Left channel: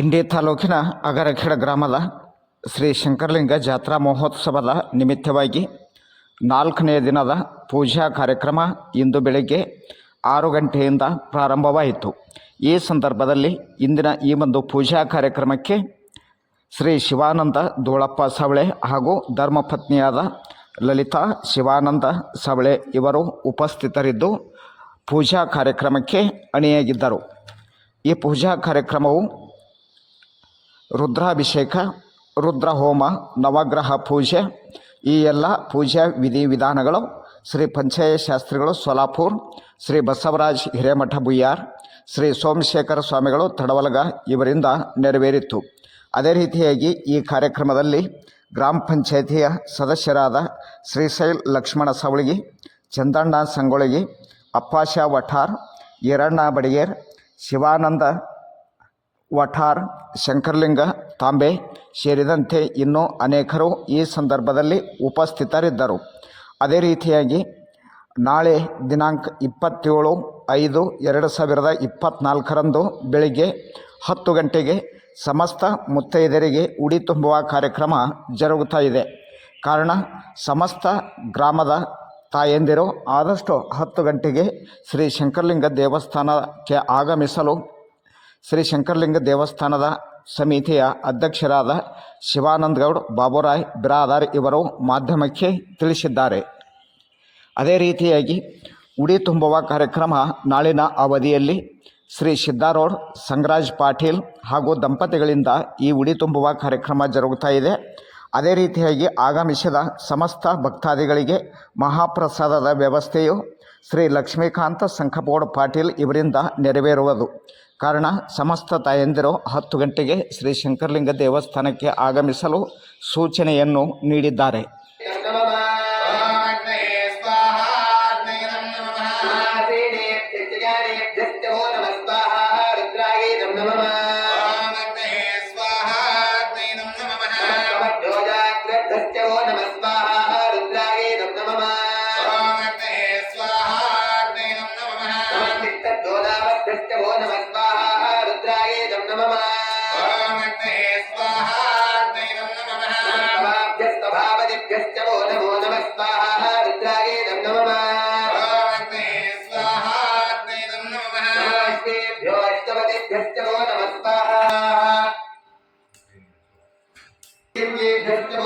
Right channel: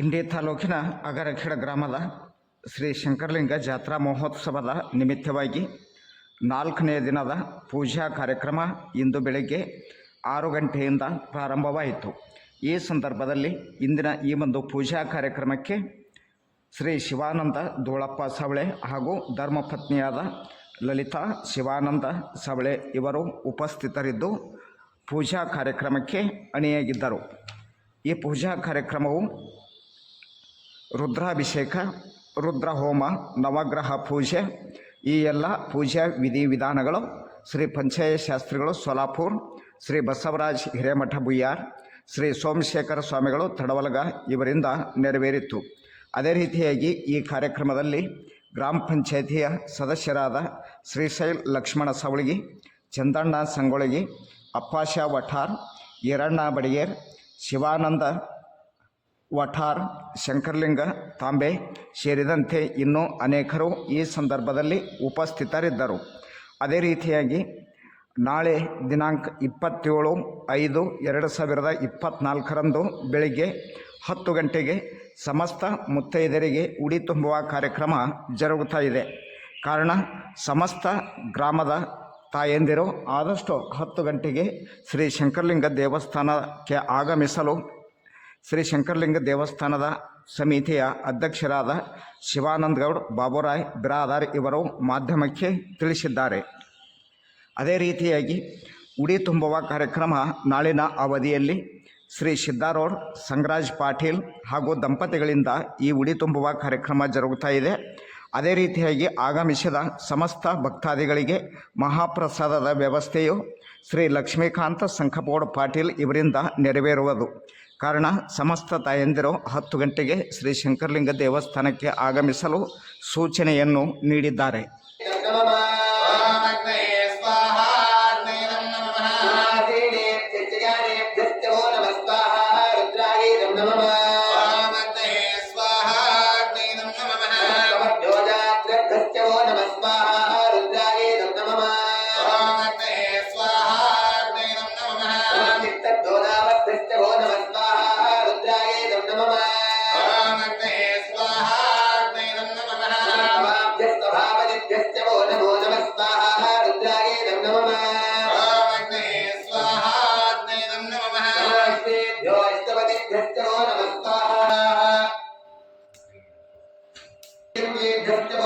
ಇಂಡಿ ತಾಲೂಕಿನ ಅಗರಖೇಡ ಗ್ರಾಮದ ಶ್ರೀ ಶಂಕರಲಿಂಗ ಜಾತ್ರಾ ಮಹೋತ್ಸವದ ನಿಮಿತ್ತವಾಗಿ ನಾಲ್ಕನೇ ದಿನದ ಪೂಜಾ ಕಾರ್ಯಕ್ರಮ ಇಂದು ಬೆಳಗ್ಗೆ ಆರು ಗಂಟೆಯಿಂದ ಪ್ರಾರಂಭವಾಯಿತು. ಈ ಸಂದರ್ಭದಲ್ಲಿ ಇಂದಿನ ಈ ಒಂದು ಪೂಜಾ ಕಾರ್ಯಕ್ರಮಕ್ಕೆ ಶ್ರೀ ಶಿವಾನಂದ ದೋಳಪ್ಪ ಸವಳೆ ಹಾಗೂ ಧರ್ಮಪತ್ನಿಯಾದ ಲಲಿತಾ ಶಿವಾನಂದ ಸವಳೆ ಇವರು ಉಪಸ್ಥಿತರಿದ್ದು ಪೂಜಾ ಕಾರ್ಯಕ್ರಮಕ್ಕೆ ಅಣಿಯಾಗಿದ್ದರು. ಈ ಪೂಜಾ ಕಾರ್ಯಕ್ರಮವು ರುದ್ರಾಭಿಷೇಕ ರುದ್ರ ಹೋಮ ನವಗ್ರಹ ಪೂಜೆ, ಈ ಎಲ್ಲ ಪೂಜಾ ವಿಧಿವಿಧಾನಗಳು ಶ್ರೀ ಪಂಚಾಯತ್ ಶಾಸ್ತ್ರಿಗಳು ಸೋಲಾಪುರ್, ಶ್ರೀ ಬಸವರಾಜ್ ಹಿರೇಮಠ ಬುಯ್ಯಾರ್, ಶ್ರೀ ಸೋಮಶೇಖರ ಸ್ವಾಮಿಗಳು ತಡವಲಗ ಇವರಿಂದ ನೆರವೇರಿತ್ತು ಅದೇ ರೀತಿಯಾಗಿ ಈ ಕಾರ್ಯಕ್ರಮದಲ್ಲಿ ಗ್ರಾಮ ಪಂಚಾಯಿತಿಯ ಸದಸ್ಯರಾದ ಶ್ರೀಶೈಲ್ ಲಕ್ಷ್ಮಣ ಸವಳಗಿ, ಚಂದಣ್ಣ ಸಂಗೊಳಗಿ, ಅಪ್ಪಾಶ ವಠಾರ್, ಈರಣ್ಣ ಬಡಿಗೇರ್, ಶಿವಾನಂದ ವಠಾರ್, ಶಂಕರಲಿಂಗ, ತಾಂಬೆ ಸೇರಿದಂತೆ ಇನ್ನೂ ಅನೇಕರು ಈ ಸಂದರ್ಭದಲ್ಲಿ ಉಪಸ್ಥಿತರಿದ್ದರು. ಅದೇ ರೀತಿಯಾಗಿ ನಾಳೆ ದಿನಾಂಕ ಇಪ್ಪತ್ತೇಳು ಐದು ಎರಡು ಸಾವಿರದ ಇಪ್ಪತ್ತ್ನಾಲ್ಕರಂದು ಬೆಳಿಗ್ಗೆ ಹತ್ತು ಗಂಟೆಗೆ ಸಮಸ್ತ ಮುತ್ತೈದೆಯರಿಗೆ ಉಡಿ ತುಂಬುವ ಕಾರ್ಯಕ್ರಮ ಜರುಗುತ್ತಾ ಇದೆ. ಕಾರಣ ಸಮಸ್ತ ಗ್ರಾಮದ ತಾಯಂದಿರು ಆದಷ್ಟು ಹತ್ತು ಗಂಟೆಗೆ ಶ್ರೀ ಶಂಕರಲಿಂಗ ದೇವಸ್ಥಾನಕ್ಕೆ ಆಗಮಿಸಲು ಶ್ರೀ ಶಂಕರಲಿಂಗ ದೇವಸ್ಥಾನದ ಸಮಿತಿಯ ಅಧ್ಯಕ್ಷರಾದ ಶಿವಾನಂದ ಗೌಡ್ ಬಾಬುರಾಯ್ ಬಿರಾದಾರ್ ಇವರು ಮಾಧ್ಯಮಕ್ಕೆ ತಿಳಿಸಿದ್ದಾರೆ. ಅದೇ ರೀತಿಯಾಗಿ ಉಡಿ ತುಂಬುವ ಕಾರ್ಯಕ್ರಮ ನಾಳಿನ ಅವಧಿಯಲ್ಲಿ ಶ್ರೀ ಸಿದ್ದಾರೋಡ್ ಸಂಗರಾಜ್ ಪಾಟೀಲ್ ಹಾಗೂ ದಂಪತಿಗಳಿಂದ ಈ ಉಡಿ ತುಂಬುವ ಕಾರ್ಯಕ್ರಮ ಜರುಗುತ್ತಾ ಇದೆ. ಅದೇ ರೀತಿಯಾಗಿ ಆಗಮಿಸಿದ ಸಮಸ್ತ ಭಕ್ತಾದಿಗಳಿಗೆ ಮಹಾಪ್ರಸಾದದ ವ್ಯವಸ್ಥೆಯು ಶ್ರೀ ಲಕ್ಷ್ಮೀಕಾಂತ ಸಂಖಪೋಡ್ ಪಾಟೀಲ್ ಇವರಿಂದ ನೆರವೇರುವುದು. ಕಾರಣ ಸಮಸ್ತ ತಾಯಂದಿರು ಹತ್ತು ಗಂಟೆಗೆ ಶ್ರೀ ಶಂಕರಲಿಂಗ ದೇವಸ್ಥಾನಕ್ಕೆ ಆಗಮಿಸಲು ಸೂಚನೆಯನ್ನು ನೀಡಿದ್ದಾರೆ. ದೇವಕ್ಕೆ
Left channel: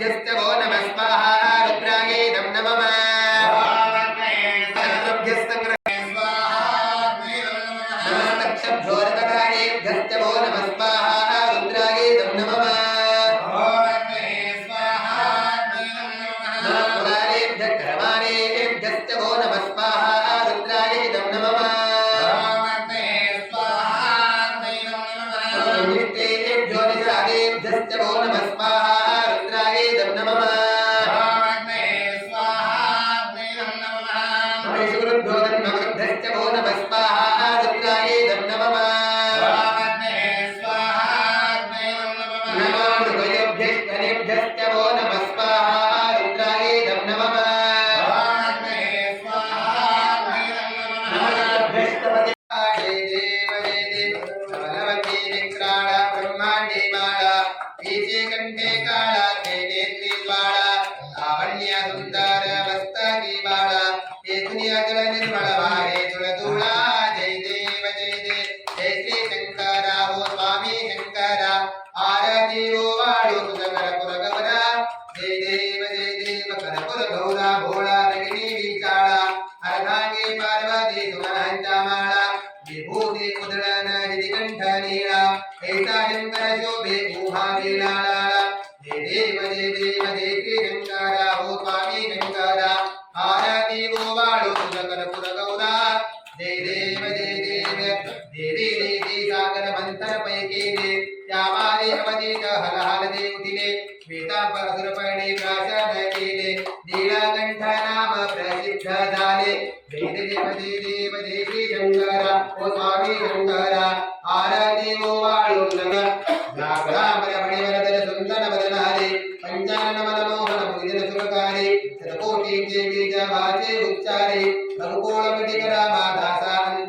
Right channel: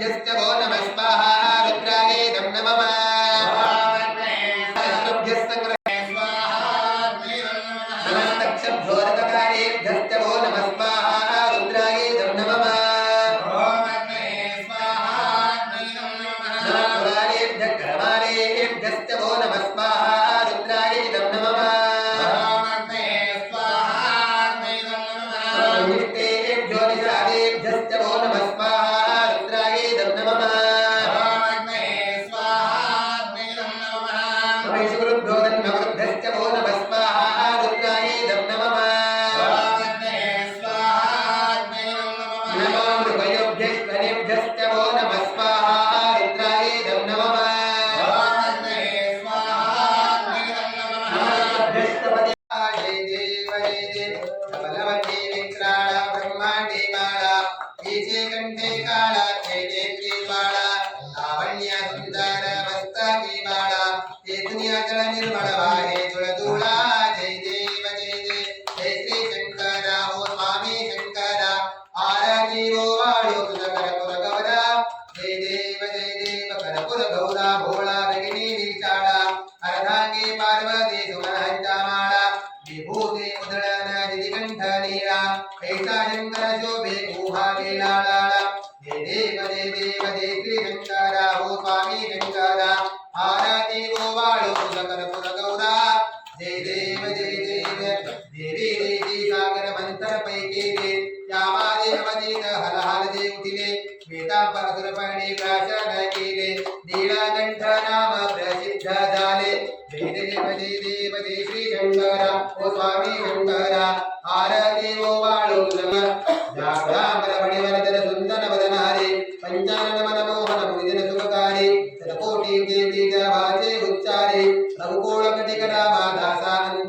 रथपतिभ्यश्च वो नमः स्वाहा ದುನಿಯಾ ಸುಂದರ ವಸ್ತಾಗಿ ಬಾಳ ಹೇ ದುನಿಯಾ ಜಳ ನಿರ್ಮಳವ ಹೇ ಜುಳ ಧೂಳ ಜೈ ದೇವ ಜೈ ದೇವ ಜೈ ಶ್ರೀ ಶಂಕರ ಓ ಸ್ವಾಮಿ ಶಂಕರ ಆರಾಧಿ ಓ ವಾಳು ಕುಲಕರ ಕುಲಗವರ ಜೈ ದೇವ ಜೈ ದೇವ ಕರ ಕುಲ ಗೌರ ಭೋಳ ರಗಿಣಿ ವಿಚಾಳ ಅರ್ಧಾಂಗಿ ಪಾರ್ವತಿ ಸುಮನ ಹಂಚಾಮಾಳ ವಿಭೂತಿ ಮುದಳನ ಹಿರಿಕಂಠ ನೀಳ ಏಷಾ ಶಂಕರ ಶೋಭೆ శ్వేతాంబాసురపణి ప్రాశాదకీలే నీలాకంఠనామ ప్రసిద్ధదాలే వేదదేవదే దేవదే శ్రీ శంకర ఓ స్వామి శంకర ఆరతి ఓ వాడు జాగ్రామర మణివరదన సుందర వదనారి పంచానన మనమోహన భుజన సుఖకారి శతకోటి దేవీ జాభాచే ఉచ్చారి రఘుకోళ కటిక దాసానంద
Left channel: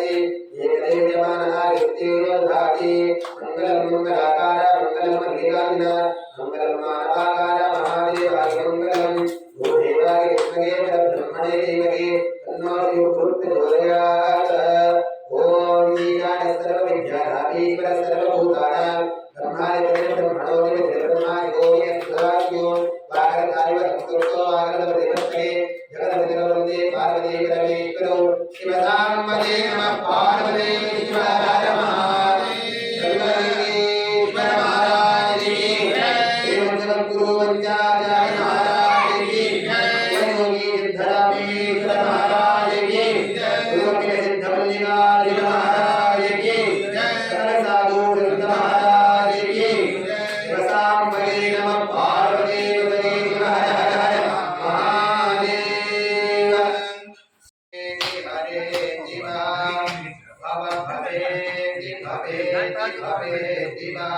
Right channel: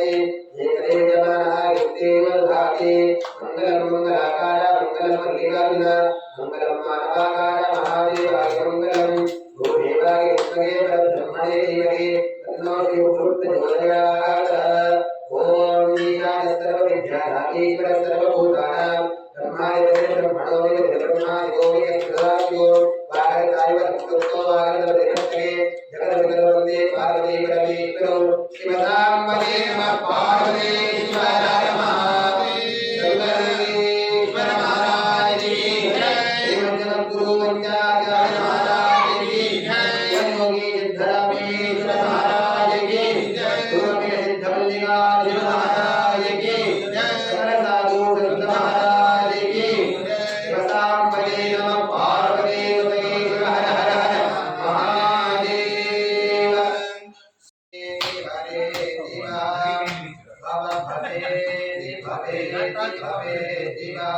de भवेति भवेति भवेति वा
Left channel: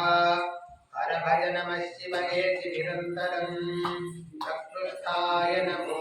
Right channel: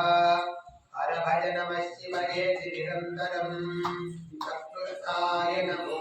हर भज नमः शिवयेति निरन्तरम् चतुर्थाय नमो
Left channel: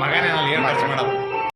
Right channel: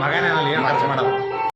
ಮಗನೇ ನಾನು ಏನು ಮಾಡೋದು